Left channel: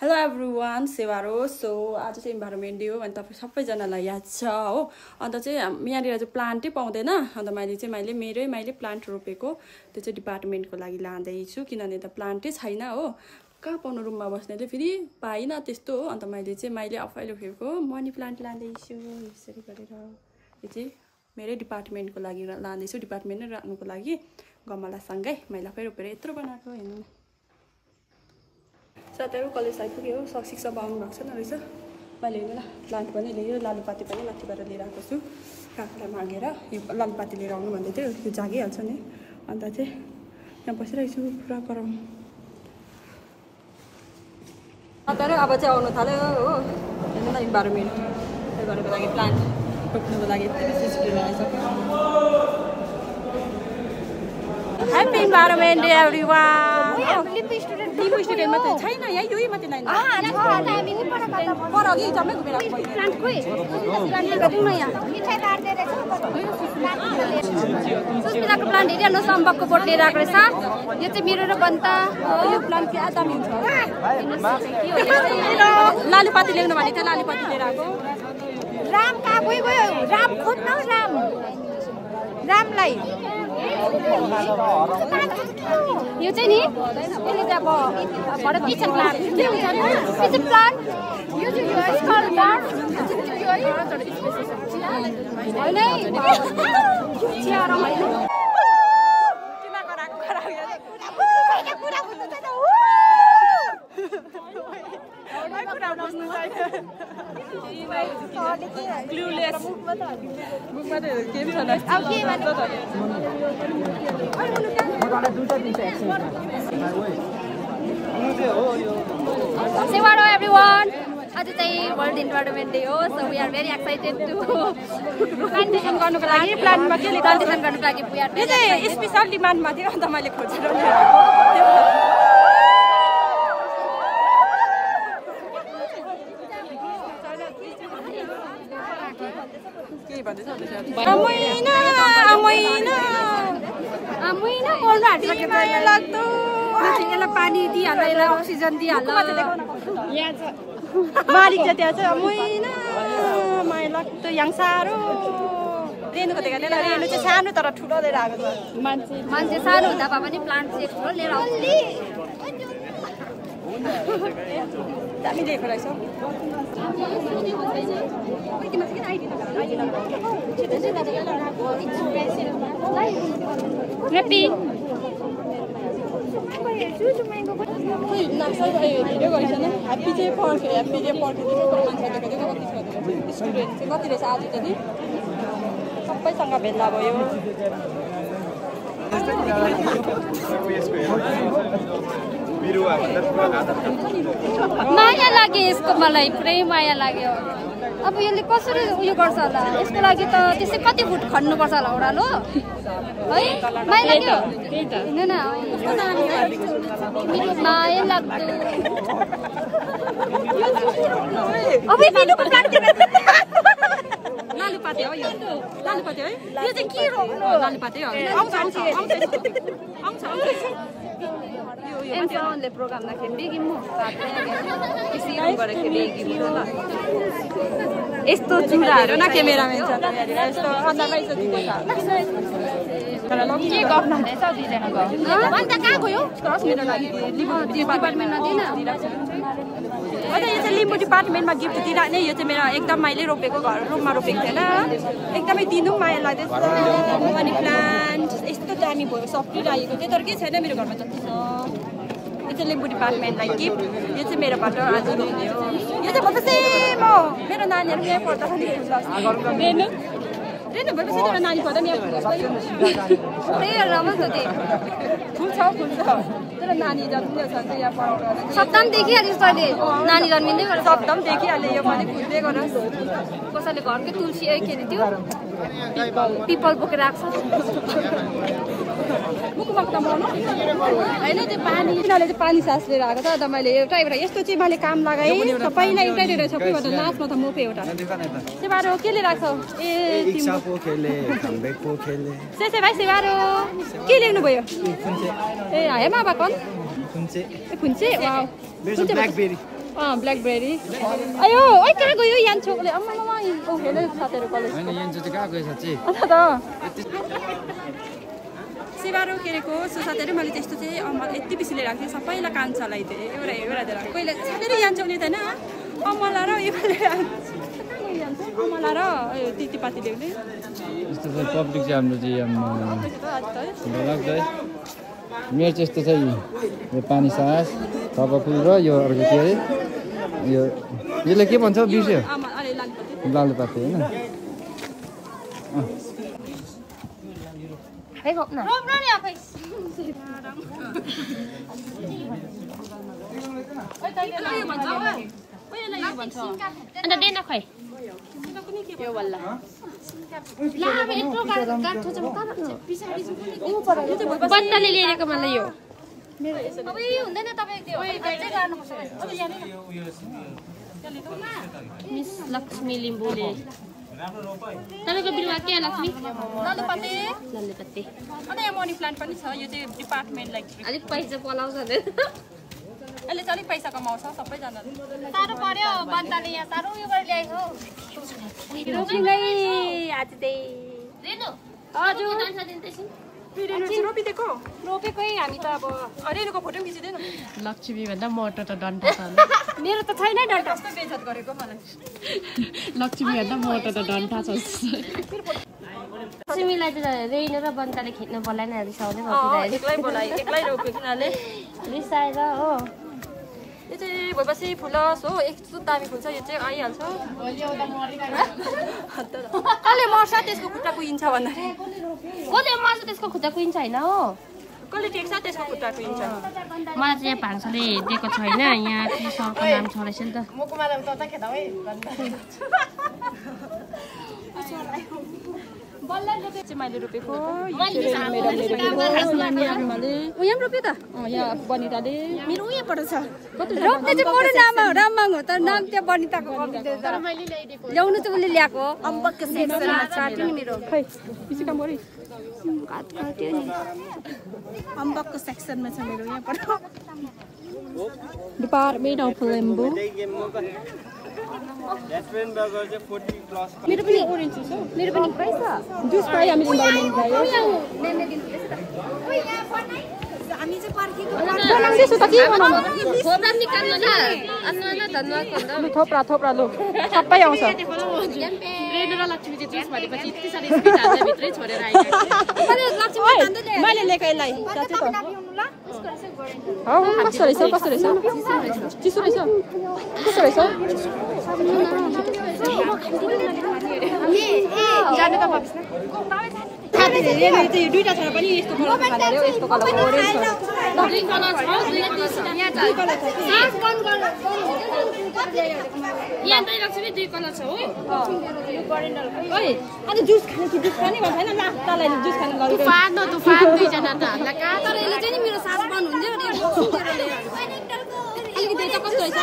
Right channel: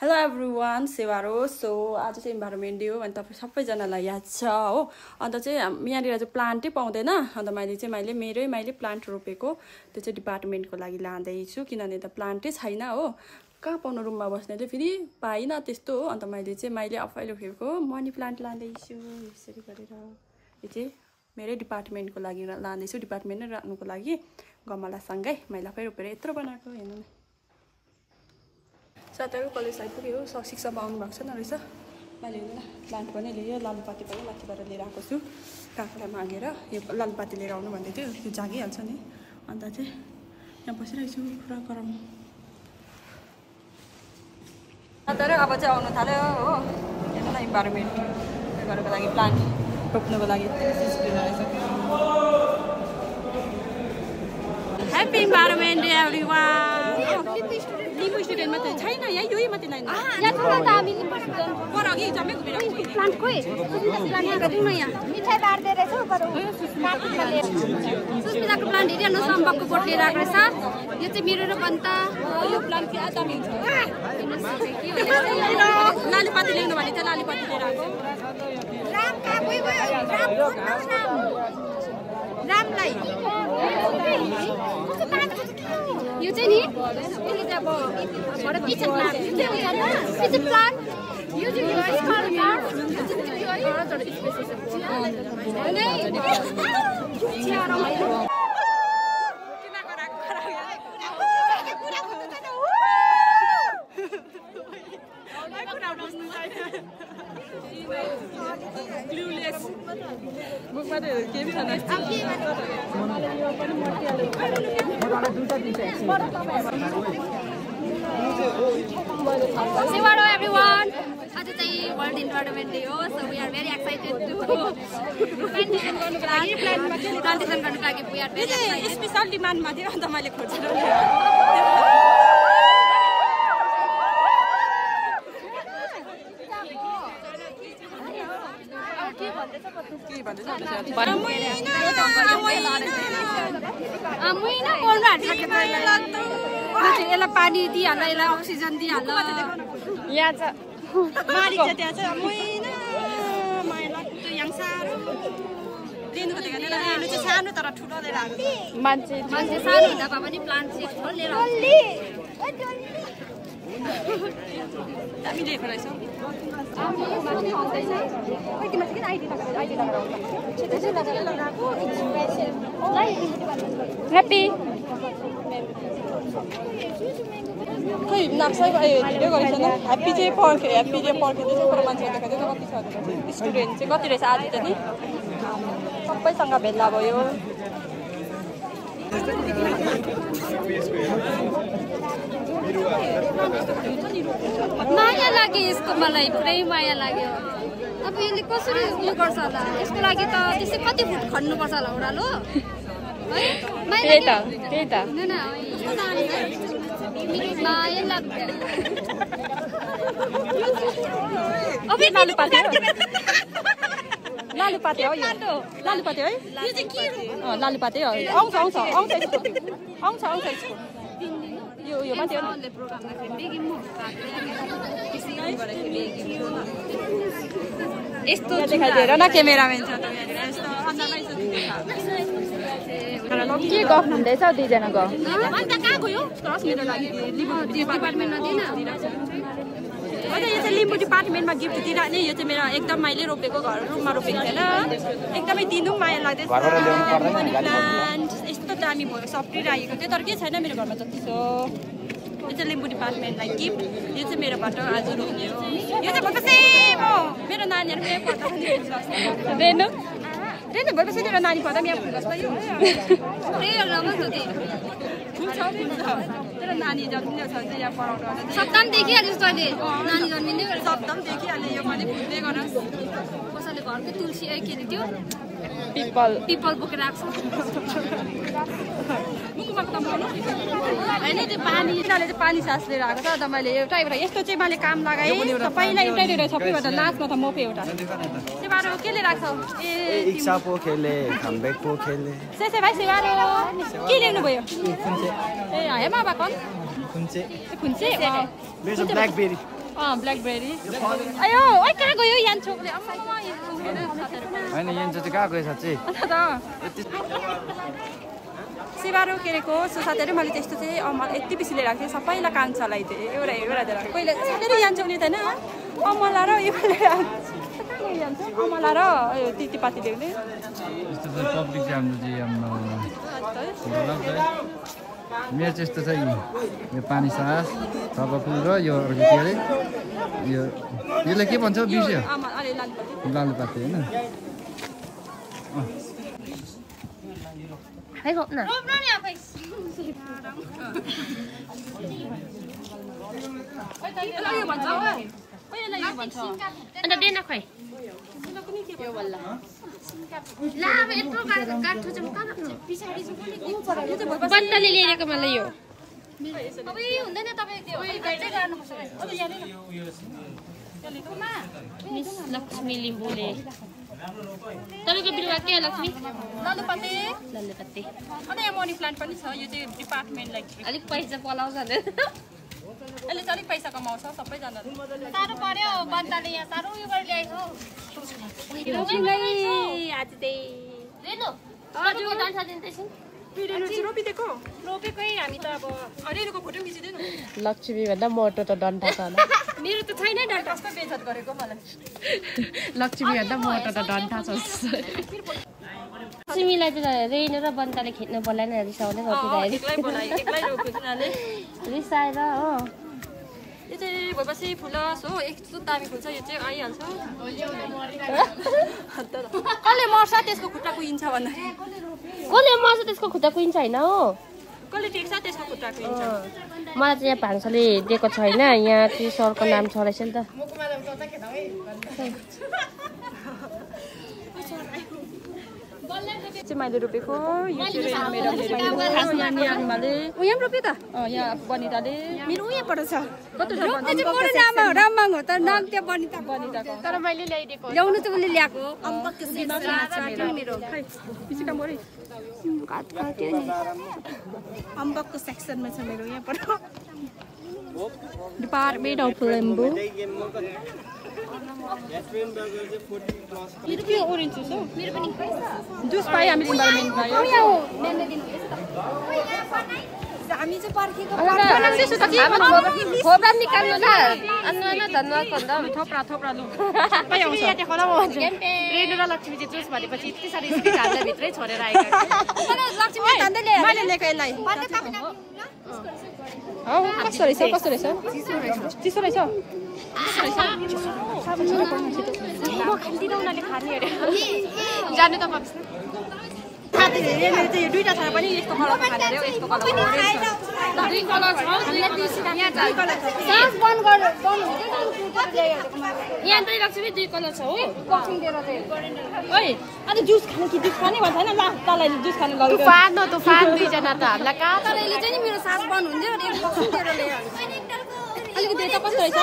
Hello everyone, सेवारो so आज चाहिँ environment day हो अनि तपाईं सबैजनालाई याद छ हो अन्त चाहिँ यहाँनिर चाहिँ प्लान्टै पाउँदैन अन्त मैले मैले प्लान्ट रोपेको त्यो चाहिँ डिपार्टमेन्टको लागि लाँदै छु किनभने त प्लान्टै छैन हो कहाँ पाउनु रुममा बस्नेले फेरि पाइन त्यस्तो हो अन्त मैले आफैले रोपेको मनी प्लान्ट लाँदै छु यसरी गरेर यो चाहिँ मेरै डिपार्टमेन्टको लागि लाँदै छु डिपार्टमेन्ट नै राख्नुको लागि गमलासँगै मैले आफै रोपेर यत्रो बनाएको हेर्नु न साथीहरु कलेज आइपुग्यो शिक्षा आउनु भएको छैन रहेछ मैले हेर्नु न प्लान्ट पनि ल्यायो लालुपाती पनि माथिबाट लिएर आएको छु काकालाई मागेर यो लालुपाती लिएर आउनु भन्दै थियो त्यो जागिहाल्छ नि अन्त चाहिँ यहाँ बसिरहेको छु पुरा गरम साथीहरु अब चाहिँ आउनु थाल्यो हो हेर्नु न इन्भाइरोमेन्ट गर्नको लागि प्लान्ट रोप्नुको लागि happy environment day everyone Limbu student मात्रै छैन यहाँ यही मात्रै लाइन पर अघि जम्मै घुमेर प्लान्ट खोइ प्लान्ट गरौँ न यहाँ सुस्मिताको प्लान्ट हेरिहाल्नु सम्भवको बोट लिएर आएको रहेछ यो चाहिँ मेरो र बन्ता यो प्लान्ट चाहिँ आधा मिल्छ लालुपाती ल्याउनु भने चाहिँ लालुपाती लिएर आएको राम कहाँ गयो राम खोज्न रामलाई यो चाहिँ नि यसले चाहिँ अब किचन प्लान्ट किचन प्लान्ट यो चाहिँ Hello everyone. आज चाहिँ वर्ल्ड इन्भाइरोमेन्ट डे हो so we are very excited to plantation गर्नुको लागि we are very excited special डिमान्डमा थियो अन्त मैले खोजेर ल्याएको यसलाई पानी दिइहाल्छ यसलाई अक्सिजन दिइहाल्छ यहाँ छ मालिक चाहिँ त्यहाँ चाहिँ मैना माया लाग्छ यहाँ साह्रो रेणुको देखाएर रेणु चाहिँ सानो तर ठुलो लिएर आएको छ मान्छे सानो हुँदा भए पनि प्लान्ट चाहिँ ठुलो लिएर आउँछ दामी लिएको रहेछ ह्याप्पी खै नक्सा भिडियो गरेछ न ह्याप्पी चाहिँ पर्ख्यो ह्याप्पीले पर्खेको चाहिँ मान्छे देखाउँदै कति छ स्टुडेन्ट चाहिँ कति रहेछ आएर नि सबैसँग भेला भयो माया लाग्यो यसको मलाई पुरै माया लाग्यो अब यसले कसरी उयो गर्छ होला यसको लागि त त्यस्तै कति फुट खन्नुपर्छ होला ओह्रालो है माया लाग्यो त्यही त हैन कस्तो नानी हो माया लाग्छ अब लालुपाते हो यो लालुपाते है लालुपाते हो आउँछ एमले प्रोग्राममा खेल्दै म यस्तो चुराहरू न क्यामेराम्यान छ यस्तो अन्दामै के गर्नु हुँदैछ दुईजनाको कहाँ गयो मेरो लागि डिपार्टमेन्टमा दिएन होइन यो चाहिँ लिम्बू डिपार्टमेन्टमा गिफ्ट दिइराख्ने यो चाहिँ मेरो एकदम मैले रोपेको घर रुममा रोपेको थिएन एकदमै दिनु माया लाग्दैछ मनी प्लान्ट यस्तो दामी भयो सफ्टिरहेको चाहिँ तर के छैन मेरो घरमा जति छ यो चाहिँ लिम्बू डिपार्टमेन्टलाई गिफ्ट यो चाहिँ मेरोबाट आज रोप्ने हो यो चाहिँ भएपछि म मेरो नानीहरू यहाँ पढ्दा रेनु भएपछि मेरो नानी पढ्दा पनि यहाँ त्यही राम्रो छ फुल छ मेरो नानी जन्मिँदैछ भने चाहिँ यहाँ पढाउनु सप्तम देखिहाल्यो कहिले नानी जन्मिँदैछ सप्तम देखिहाल्यो यो पनि फुल्दै गर कसैले घरकै तुलसी के अरे त्यो पिपल बोकेर आएको होइन त्यो पानी यिनीहरूले चाहिँ पानी सास लिएर आएको छ अन्त मैले एउटा यस्तो चाहिँ मैले काम लगाएँ सबैलाई एउटै लिएर सबैबाट लास्टमा त मोपे एउटा सेवारो के लिएर आएको त्यसै भाइ सेवारो के लिनु भयो ए हेमा बाकन खुन्चे There's a blackberry. ब्ल्याकबेरी अयो ओइ कहाँ गयो यान छोकले हैन यान चाहिँ कहाँ गयो साच्चै अन्त सेवारो केरेको साथीहरु मैले त्यस्तो चाहिँ यति बेसी लिएर आएको थिएँ सबैलाई कान्छालाई चाहिँ एउटा दिएर कहिले साथीहरु यान छोकले त हैन अमला र यो अमला र तितीपाती ल्याउने यस्तो पब्लिक चाहिँ हाम्रो चाहिँ मेरो चाहिँ यस्तो छ यो पानी सास तबफुल र यो अर्को के अरे यसलाई के भन्छ बिर्स्यो लालुपाते होइन बन्तले ल्याएको मलाई यो लक्ष्मी लिम्बुले तपाईको बिरुवा के लक्ष्मी लालुपाते अनि यहाँ मनी प्लान्ट पनि छ यो चाहिँ डिपार्टमेन्टलाई अलिक पैसा पलाउँछ नि अहिले चाहिँ अलिक पैसा कमाउँछ सबैजनाले साह्रो पर्यो बन्तले यहाँ साह्रो उयो गरेर ल्याएको रोपेकै हामी त अब अरेको फोटो खिचिदिनु लक्ष्मी भन्दा मोटो त डन्ठा छ मेरो त छैन डन्ठा कस्तो बेइज्जत गरेको मलाई लक्ष्मी भन्दा मोटो त डन्ठा छ लक्ष्मीलाई त रेलो र बन्ताले खेल्न बोलाएन एक्लै बोलाए एक्लै रोप्यो किनले रिसाएर हो यो चाहिँ भएपछि फुलस हो यस्तो दामी फुल्छ यो चाहिँ आइहाल्छ कसले मर्छ त्यसको खुट्टा कुहिन्छ भन्दाखेरि कसले मर्छ त्यसको खुट्टा कुहिन्छ होइन हो कसले टेक्छ त्यसको खुट्टा कुहिन्छ मलाई चाहिँ यहाँ भान्साले दिएको छैन यहाँ सरको नाम छ रहेछ नि त मैले रोपेको यहाँ रोप्यो त यहाँ बनिताले मेरो उयो पठाउँछ राममाङ हो तर नाम त्यहाँ बनिता तर मैले ल्याइदिएको ल्याउनु त उसले ल्याएको अम्बकको सेक्सनमा छ मेरो यहाँ पठाउ डिपार्टमेन्ट अफ लेम्बु मेरो पनि ओरेन्ज जुस हो मेरो पनि जुस पाइ हामी चाहिँ पर्खेको थोप्रा निकाल्नु ल अन्नमा धन्यवाद भन्दा थोप्रा लु सबै आउँछ रेणु र लक्ष्मी जुस भनेपछि यति साह्रो भित्रै छोडेर आएको मैले ल्याएको यसलाई हौ कस्तो रहेछ चिसो रहेछ कस्तो रहेछ जानु त दुईटा थर पनि यस्तो कलर यस्तो कलर दुई कलर यहाँ चाहिँ लक्ष्मी दुई कलर छ हो अनि जुस खाने कि जुस पनि भन्छ होइन लास्ट तलाई जुस खानु लगेको तुफान दुईजना त हामीलाई कहाँ तर यसले चाहिँ नि मेरो साथ बन्द हुन्छ अलिकति त कस्तो रहेछ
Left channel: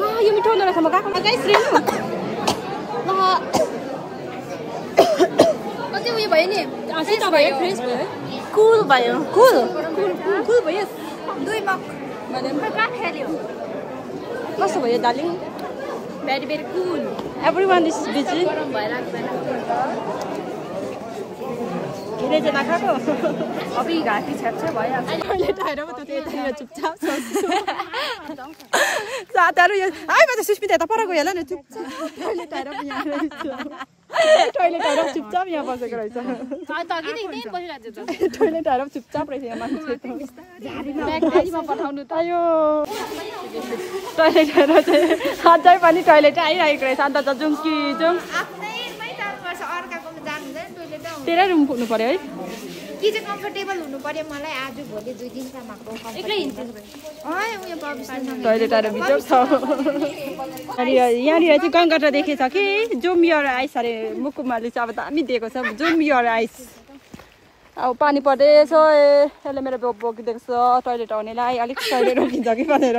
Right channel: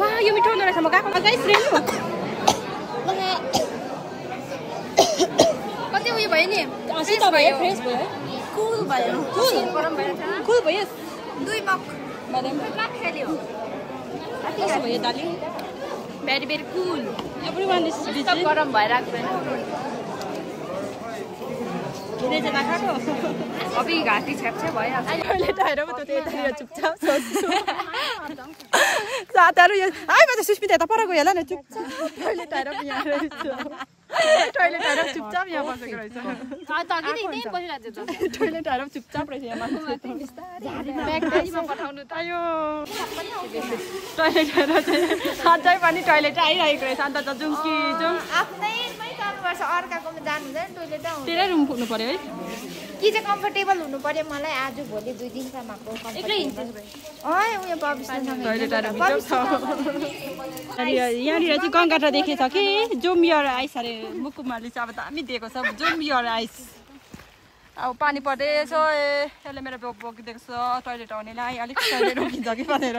यो मिठो हुँदो रहेछ म गएको अझै कति उयो भयो नि फ्रेस भयो कुल भयो कुल भयो दुई मग कस्तो भयो Darjeeling very very cool everyone is busy गरम भइरहेको छैन धेरैजना खाएको अब घाँसी छ्याप्छ्या भइहाल्छ टोइलेट आएर पो त्यो यतानिर चुपचाप साथीहरू यो आइ म त सुस्मिता यता पर गयो होला नि चुपचाप टोइलेट आएर पो यहाँ रहेछ टोइलेट आएर चुपचाप यहाँ बसेको रहेछ टोइलेट आएर चुपचाप रहेछ यहाँ मान्छे आयो टोइलेट आएर चाहिँ सधैँ पनि टोइलेट आइरहेको रहेछ अन्त त जाउँ कि जाउँ अर्काकोमा जानु हुँदैन टोइलेट तेरै रुम पुग्नु पर्यो है कि चाहिँ कम्फर्टेबल हुनु पर्यो मलाई आज भोलि 2 दिनसम्मको यहाँनिर चाहिँ गङ्गाटा देखेछ कि जुम यर आइस अरे मुकुमाले चाहिँ अब दामी दिएको छ जुम यर आइस अब पानी पर्दैछ यसले मेरो बोकिदिएको छ टोइलेट आउनेलाई अलिक टोइलेट रोकिन्छ कि भनेर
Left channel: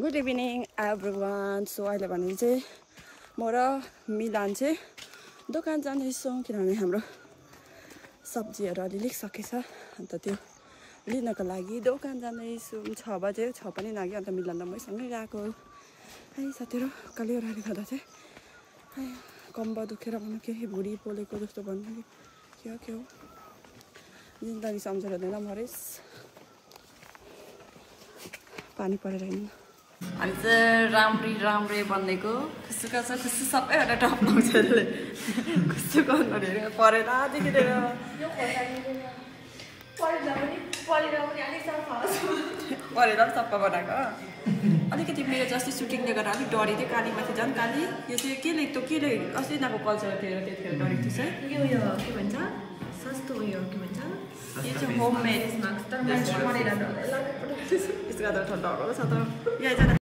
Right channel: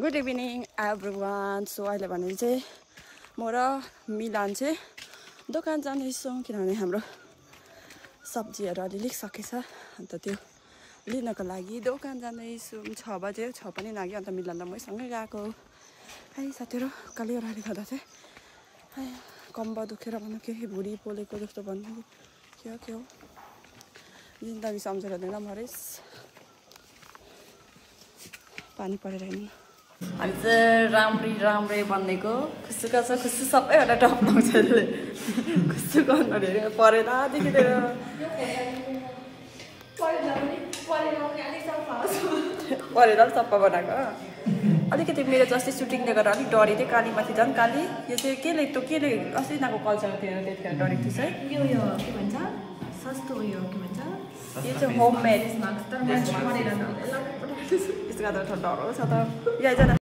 गुड इभिनिङ एभ्रिवान सो अहिले भने चाहिँ म र मिलान चाहिँ दोकान जाँदैछौँ किनभने हाम्रो सब्जीहरू अलिअलि सकेछ अन्त त्यो लिनको लागि दोकान जाँदैछु 6 बजे 6 पनि लाग्यो अन्त मिलन र मैसँगै गएको है साथीहरू काली ओह्राले गर्दा चाहिँ कम्बा दुखेर भन्नु केही भुँडी पोलेको जस्तो भन्नु के हो जिन्दगी सम्झेर दिँदा मरेस् पानी परेर हिँड्नु हामी चाहिँ राम्रै बन्नेको खुसुका छ खुसु सबैभन्दा टप लाउँछ यसले खुसु गर्नु धेरै परेलादेखि लिएर परेर सफा बनाएको अलिकति मेरो जस्तै सुटिङले गर्दा अलिक डरी थियो कालीमाथि झन् काली यो चाहिँ केले अस्ति यिनीहरूको कल्चरमा थियो त्यतिखेर डरेको थियो यो के भन्छ सस्तो उयो के भन्छ यो चाहिँ होममेड त्यसको गर्दा डराउँछ त